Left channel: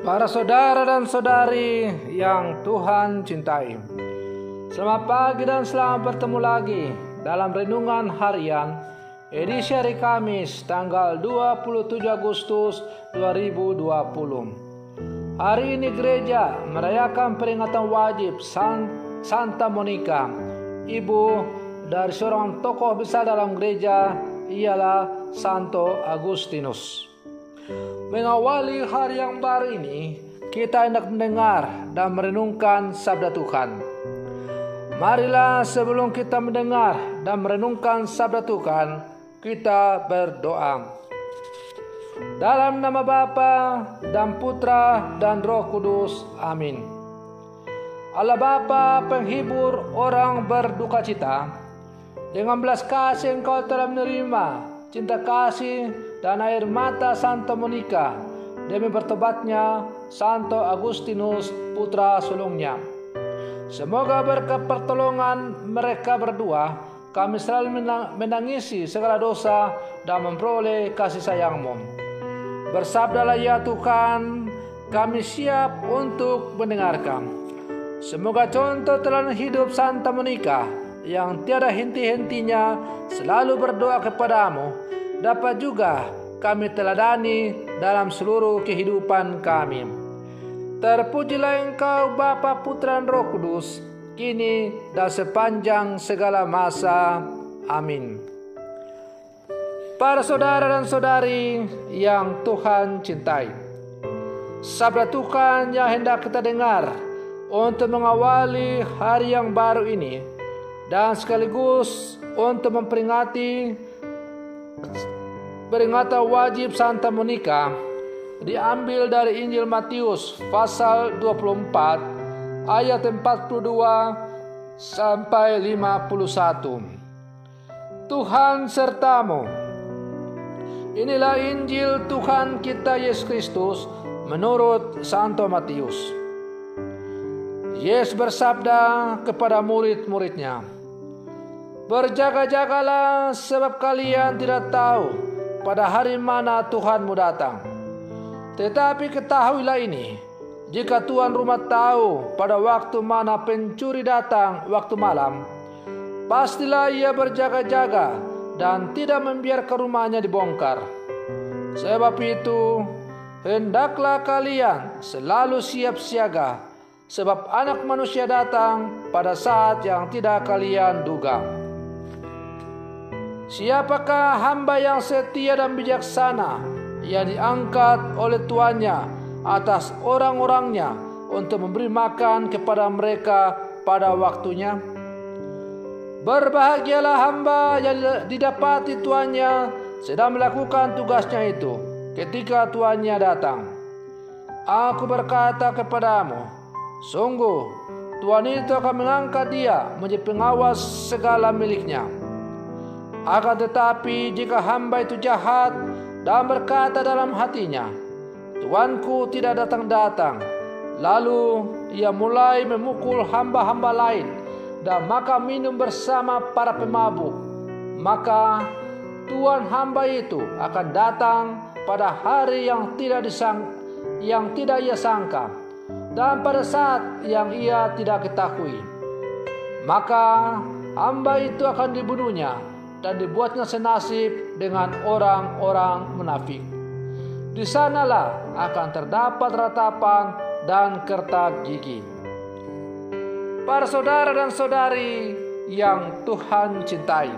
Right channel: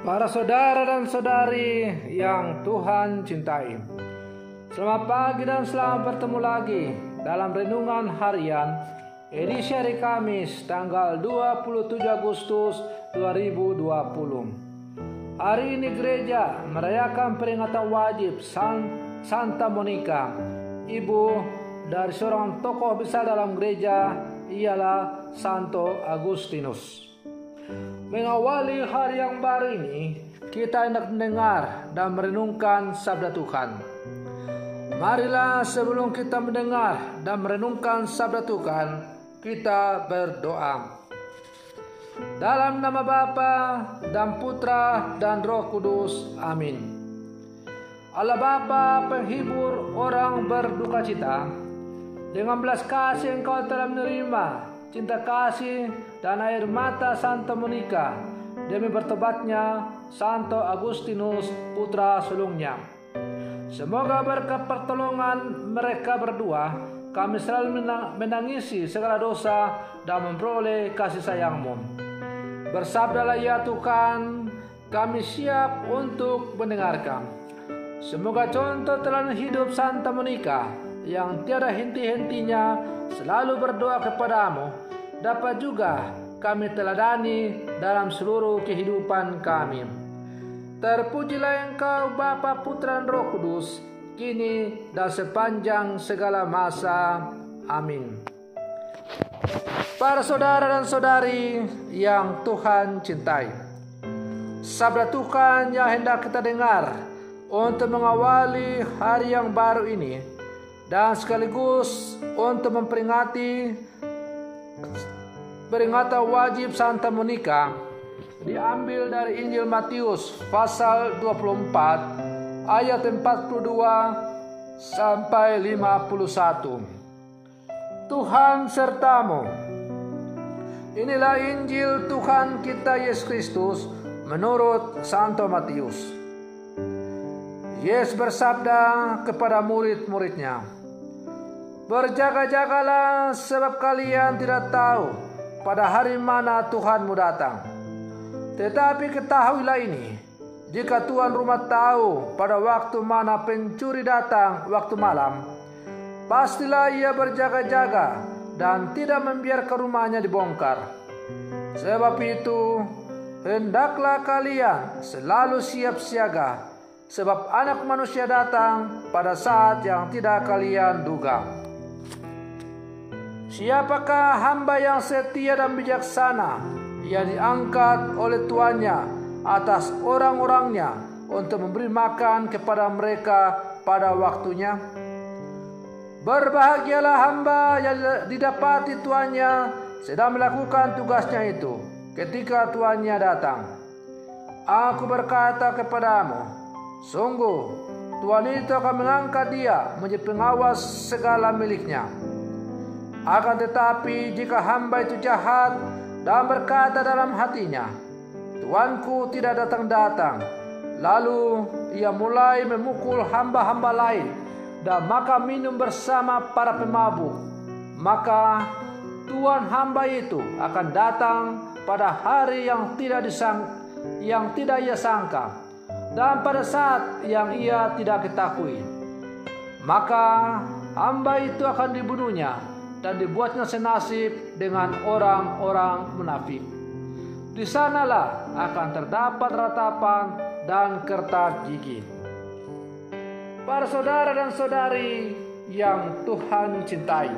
Para saudara dan saudari yang Tuhan cintai, selamat pagi dan selamat bertemu lagi dalam Renungan Harian edisi hari Kamis tanggal 27 Agustus 2020. Hari ini gereja merayakan peringatan wajib Santa Monica, ibu dari seorang tokoh besar dalam gereja, ialah Santo Agustinus. Mengawali hari yang baru ini, kita hendak mendengar dan merenungkan sabda Tuhan. Marilah sebelum kita mendengar dan merenungkan sabda Tuhan, kita berdoa. Dalam nama Bapa dan Putra dan Roh Kudus, amin. Allah Bapa, penghibur orang berduka cita, dengan belas kasih Engkau telah menerima cinta kasih dan air mata Santa Monica demi bertobatnya Santo Agustinus putra sulungnya. Semoga berkat pertolongan mereka berdua kami selalu menangisi segala dosa dan memperoleh kasih sayang-Mu. Bersabdalah ya Tuhan, kami siap untuk mendengarkan. Semoga contoh teladan hidup Santa Monica yang tiada henti-hentinya selalu berdoa kepadamu dapat juga kami teladani dalam seluruh kehidupan kami. Terpujilah Engkau Bapa, Putra dan Roh Kudus, kini dan sepanjang segala masa. Amin. Para saudara dan saudari yang Tuhan cintai, sabda Tuhan yang hendak kita dengar untuk mengawali hari yang baru ini dan sekaligus untuk memperingati peringatan wajib Santa Monica diambil dari Injil Matius pasal 24 ayat 42 sampai 51. Tuhan sertamu. Inilah Injil Tuhan kita Yesus Kristus menurut Santo Matius. Yesus bersabda kepada murid-muridnya, "Berjaga-jagalah sebab kalian tidak tahu pada hari mana Tuhanmu datang. Tetapi ketahuilah ini, jika tuan rumah tahu pada waktu mana pencuri datang waktu malam, pastilah ia berjaga-jaga dan tidak membiarkan rumahnya dibongkar. Sebab itu, hendaklah kalian selalu siap siaga, sebab Anak Manusia datang pada saat yang tidak kalian duga. Siapakah hamba yang setia dan bijaksana yang diangkat oleh tuannya atas orang-orangnya untuk memberi makan kepada mereka pada waktunya? Berbahagialah hamba yang didapati tuannya sedang melakukan tugasnya itu ketika tuannya datang. Aku berkata kepadamu, sungguh tuan itu akan mengangkat dia menjadi pengawas segala miliknya. Akan tetapi jika hamba itu jahat dan berkata dalam hatinya, tuanku tidak datang-datang, lalu ia mulai memukul hamba-hamba lain dan makan minum bersama para pemabuk, maka tuan hamba itu akan datang pada hari yang tidak ia sangka dan pada saat yang ia tidak ketahui. Maka hamba itu akan dibunuhnya dan dibuatnya senasib dengan orang-orang munafik. Di sanalah akan terdapat ratapan dan kertak gigi." Para saudara dan saudari yang Tuhan cintai,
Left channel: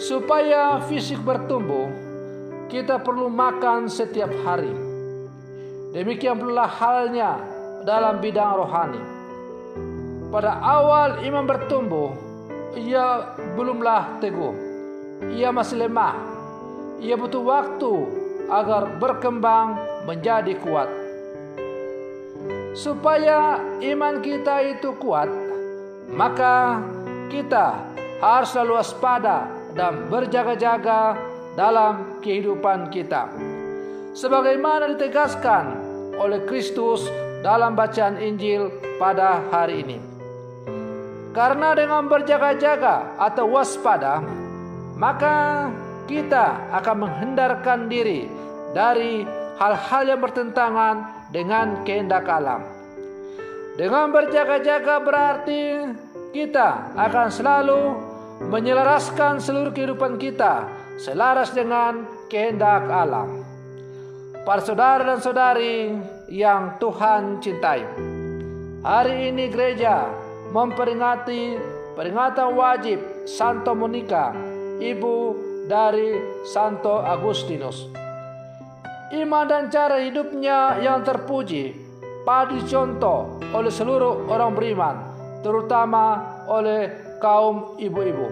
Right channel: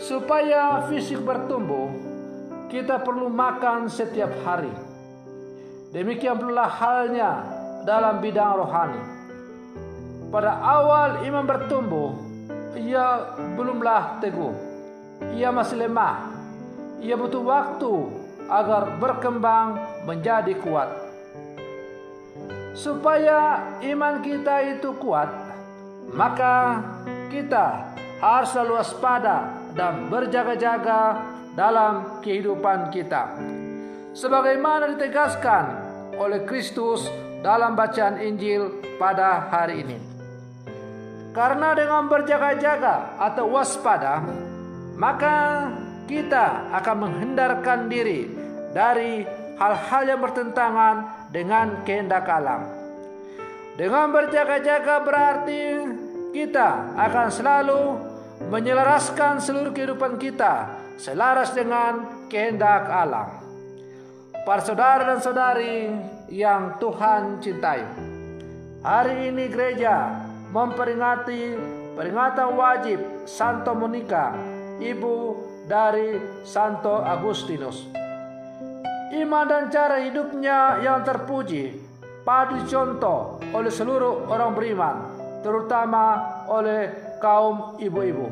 supaya fisik bertumbuh, kita perlu makan setiap hari. Demikian pula halnya dalam bidang rohani. Pada awal iman bertumbuh, ia belumlah teguh, ia masih lemah, ia butuh waktu agar berkembang menjadi kuat. Supaya iman kita itu kuat, maka kita harus selalu waspada dan berjaga-jaga dalam kehidupan kita, sebagaimana ditegaskan oleh Kristus dalam bacaan Injil pada hari ini. Karena dengan berjaga-jaga atau waspada, maka kita akan menghindarkan diri dari hal-hal yang bertentangan dengan kehendak Allah. Dengan berjaga-jaga berarti kita akan selalu menyelaraskan seluruh kehidupan kita selaras dengan kehendak Allah. Para saudara dan saudari yang Tuhan cintai, hari ini gereja memperingati peringatan wajib Santa Monica, ibu dari Santo Agustinus. Iman dan cara hidupnya yang terpuji patut dicontoh oleh seluruh orang beriman, terutama oleh kaum ibu-ibu,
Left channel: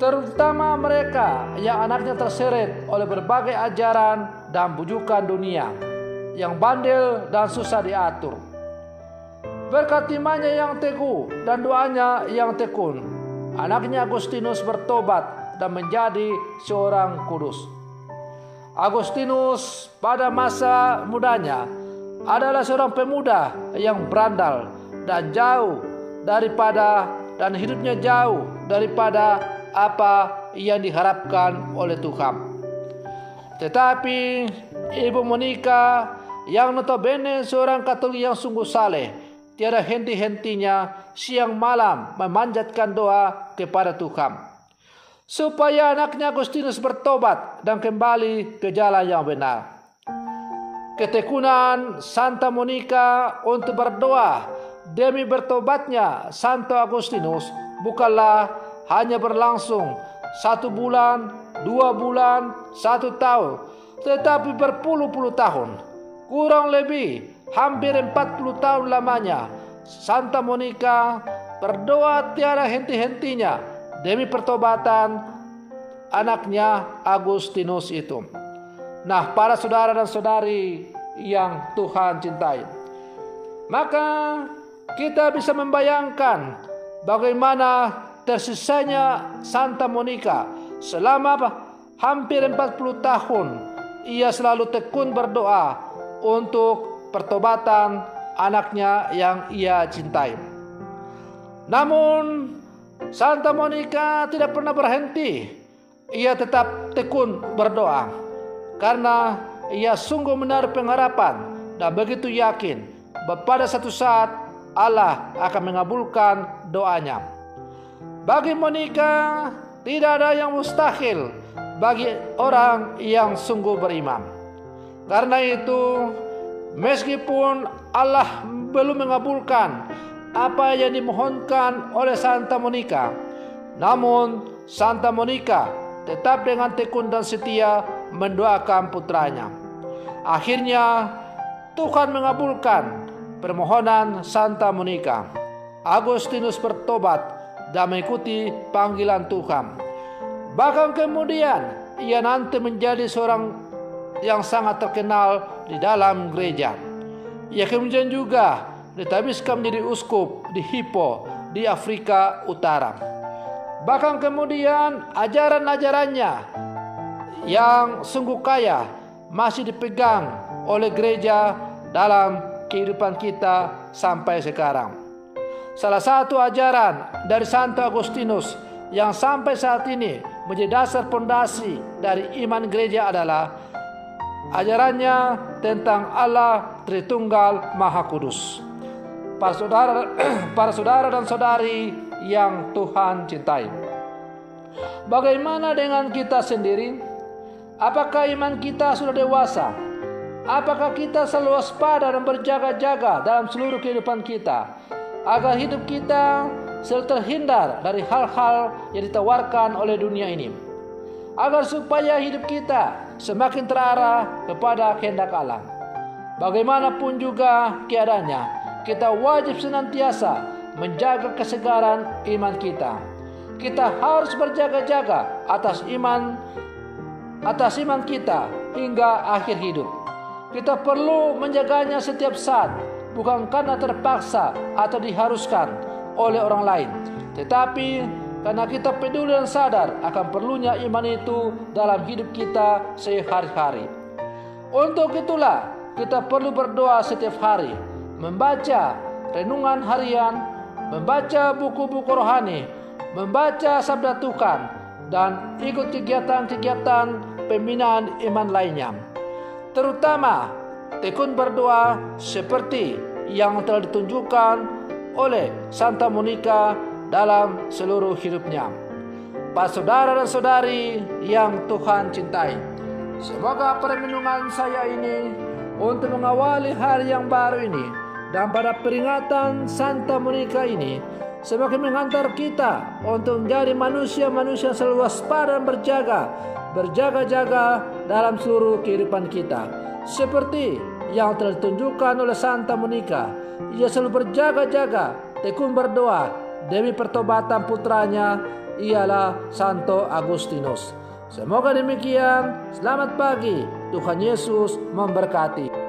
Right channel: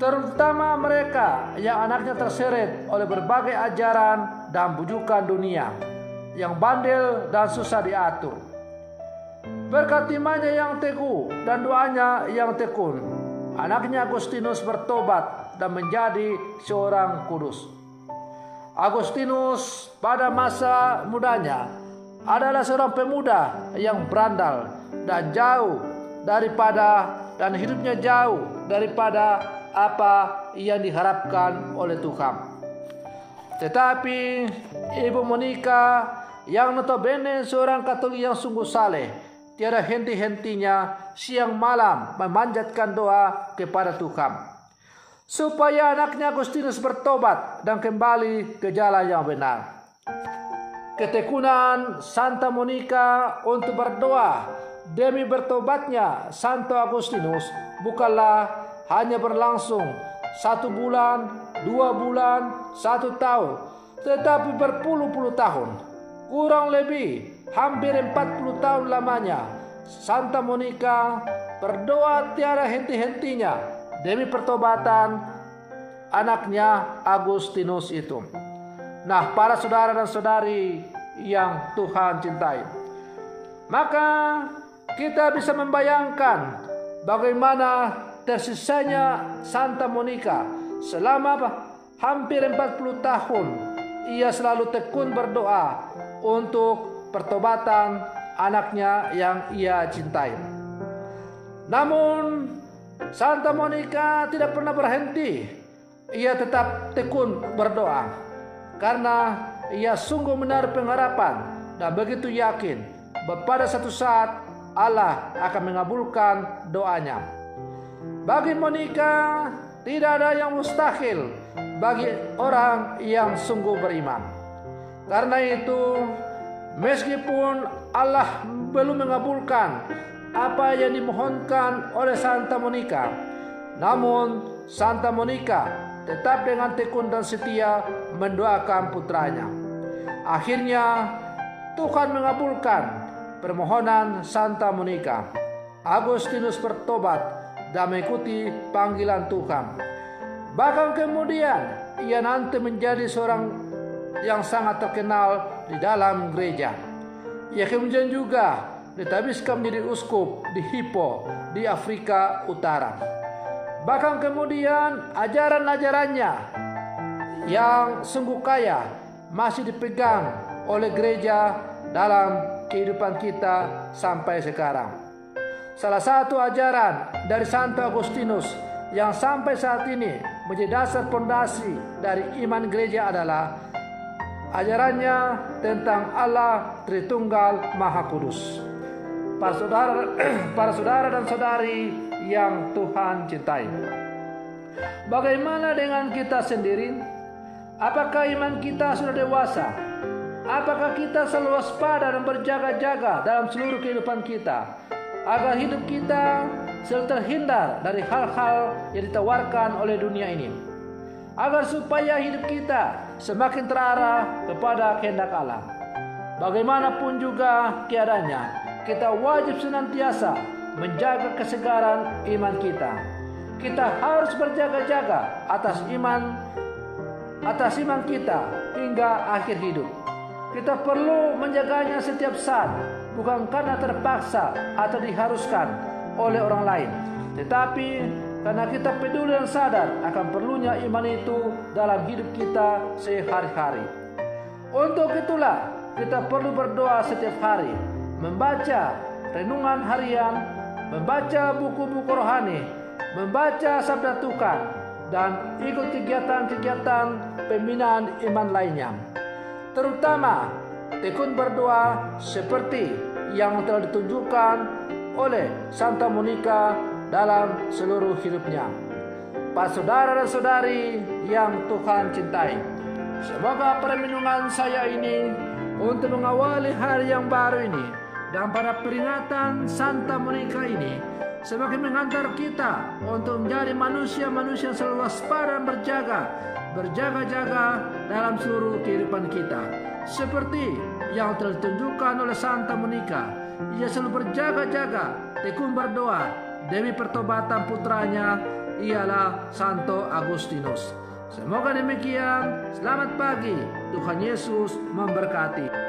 terutama mereka yang anaknya terseret oleh berbagai ajaran dan bujukan dunia yang bandel dan susah diatur. Berkat imannya yang teguh dan doanya yang tekun, anaknya Agustinus bertobat dan menjadi seorang kudus. Agustinus pada masa mudanya adalah seorang pemuda yang berandal dan hidupnya jauh daripada apa yang diharapkan oleh Tuhan. Tetapi Ibu Monica yang notabene seorang Katolik yang sungguh saleh, tiada henti-hentinya siang malam memanjatkan doa kepada Tuhan supaya anaknya Agustinus bertobat dan kembali ke jalan yang benar. Ketekunan Santa Monica untuk berdoa demi bertobatnya Santo Agustinus bukanlah hanya berlangsung 1 bulan, 2 bulan, 1 tahun, tetapi berpuluh-puluh tahun. Kurang lebih hampir 40 tahun lamanya Santa Monica berdoa tiada henti-hentinya demi pertobatan anaknya Agustinus itu. Nah, para saudara dan saudari yang Tuhan cintai, maka kita bisa membayangkan bagaimana tersisanya Santa Monica selama hampir 40 tahun. Ia selalu tekun berdoa untuk pertobatan anaknya yang ia cintai. Namun Santa Monica tidak pernah berhenti. Ia tetap tekun berdoa karena ia sungguh menaruh pengharapan dan begitu yakin bahwa pada satu saat Allah akan mengabulkan doanya. Bagi Monica tidak ada yang mustahil bagi orang yang sungguh beriman. Karena itu, meskipun Allah belum mengabulkan apa yang dimohonkan oleh Santa Monica, namun Santa Monica tetap dengan tekun dan setia mendoakan putranya. Akhirnya Tuhan mengabulkan permohonan Santa Monica. Agustinus bertobat dan mengikuti panggilan Tuhan. Bahkan kemudian ia nanti menjadi seorang yang sangat terkenal di dalam gereja. Ia kemudian juga ditabiskan menjadi uskup di Hippo di Afrika Utara. Bahkan kemudian ajaran-ajarannya yang sungguh kaya masih dipegang oleh gereja dalam kehidupan kita sampai sekarang. Salah satu ajaran dari Santo Agustinus yang sampai saat ini menjadi dasar pondasi dari iman gereja adalah ajarannya tentang Allah Tritunggal Maha Kudus. Para saudara dan saudari yang Tuhan cintai, bagaimana dengan kita sendiri? Apakah iman kita sudah dewasa? Apakah kita selalu waspada dan berjaga-jaga dalam seluruh kehidupan kita, agar hidup kita selalu terhindar dari hal-hal yang ditawarkan oleh dunia ini, agar supaya hidup kita semakin terarah kepada kehendak Allah? Bagaimanapun juga keadaannya, kita wajib senantiasa menjaga kesegaran iman kita. Kita harus berjaga-jaga atas iman kita hingga akhir hidup. Kita perlu menjaganya setiap saat, bukan karena terpaksa atau diharuskan oleh orang lain, tetapi karena kita peduli dan sadar akan perlunya iman itu dalam hidup kita sehari-hari. Untuk itulah kita perlu berdoa setiap hari, membaca renungan harian, membaca buku-buku rohani, membaca sabda Tuhan, dan ikut kegiatan-kegiatan pembinaan iman lainnya. terutama tekun berdoa seperti yang telah ditunjukkan oleh Santa Monica dalam seluruh hidupnya. Pak saudara dan saudari yang Tuhan cintai, semoga permenungan saya ini untuk mengawali hari yang baru ini dan pada peringatan Santa Monica ini semakin menghantar kita untuk menjadi manusia-manusia selalu waspada dan berjaga-jaga dalam seluruh kehidupan kita. Seperti yang telah ditunjukkan oleh Santa Monica, ia selalu berjaga-jaga, tekun berdoa demi pertobatan putranya, ialah Santo Agustinus. Semoga demikian. Selamat pagi. Tuhan Yesus memberkati.